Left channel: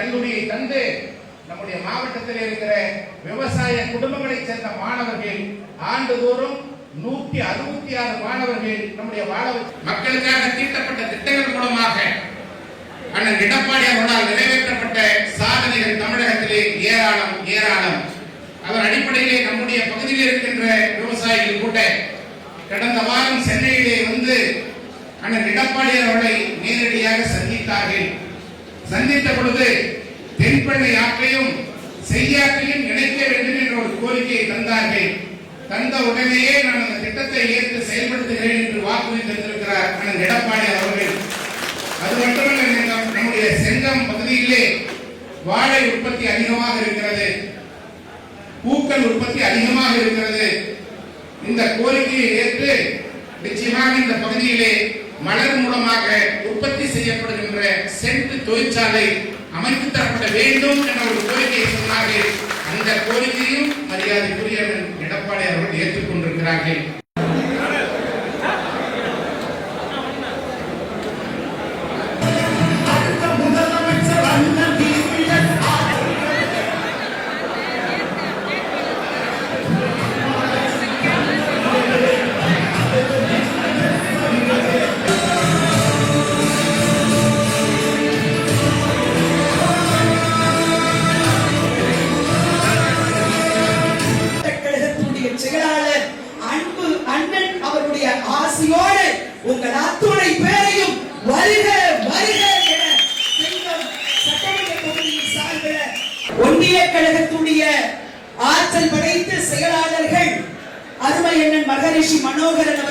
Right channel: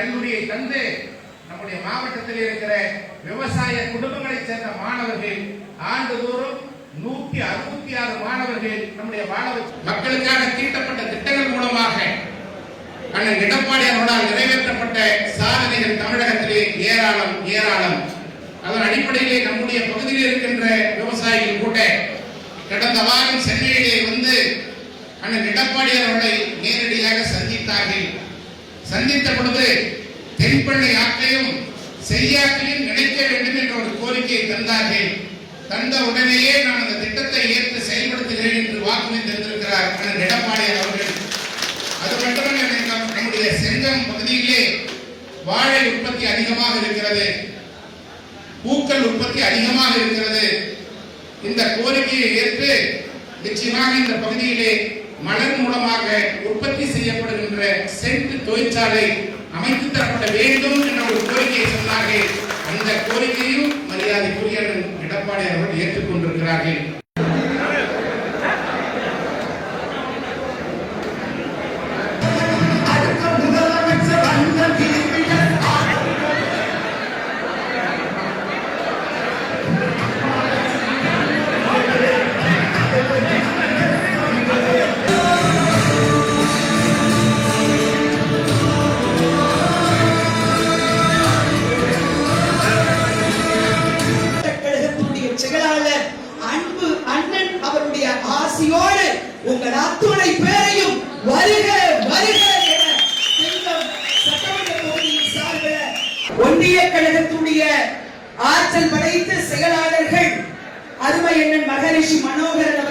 கல்லூரியை தந்து நம்முடைய மாவட்டத்தில் இருக்கிற விவசாய குடும்பங்களைச் சேர்ந்த மாணவர்கள் ஆண்டுதோறும் 166 மாணவர்கள் நம்முடைய மக்களுக்காக தீட்டப்பட்ட திட்டங்கள் மூலமாக அண்ணன் எடப்பாடி அவர்களால் நிறைவேற்றப்பட்ட சாதனைகள் தமிழகத்திலே ஏராளம் ஏராளம். அதன் அடிப்படையிலே நம்முடைய பகுதியில் இருக்கின்ற விவசாயிகள் கூட கடந்த வாரம் சென்னையிலே வந்து அண்ணன் எடப்பாடி அவர்களை நேரடியாக சந்தித்தார்கள். சந்தித்த பொழுது தென்பெண்ணை ஆற்றையும் செய்யாற்றையும் இணைக்க வேண்டும் என்ற ஒரு கோரிக்கையை தந்தார்கள். தந்த உடனேயே நான் அந்த திட்டத்தை ஏற்று செயல்படுத்துகிறேன் என்று வாக்குறுதி தந்திருக்கிறார் அண்ணன் எடப்பாடி அவர்கள். அது மட்டுமல்ல, நம்முடைய செங்கம் பகுதியிலே வாழை உற்பத்தி அதிகமாக இருக்கிறது, பூக்கள் உற்பத்தி அதிகமாக இருக்கிறது. இந்த கோரிக்கையை ஏற்று நிச்சயமாக இந்த பகுதியிலே மலர் மூலமாக உற்பத்தி செய்யப்படுகின்ற சென்ட் தொழிற்சாலை அமைத்து தரப்பட வேண்டும் என்ற ஒரு கோரிக்கையை சொன்னார்கள். அந்த கோரிக்கையும் மரியாதைக்குரிய எடப்பாடி அவர்கள் ஏற்றுக்கொண்டிருக்கிறார்கள். உங்கள் அத்துணை பேரையும் வருக வருக என சட்டமன்ற தொகுதியின் சார்பில் ஒன்றிய கழகத்துடைய ஆற்றல் படைத்த செயலாளர்கள் அருமை அண்ணன் மகரிஷி மனோகரன்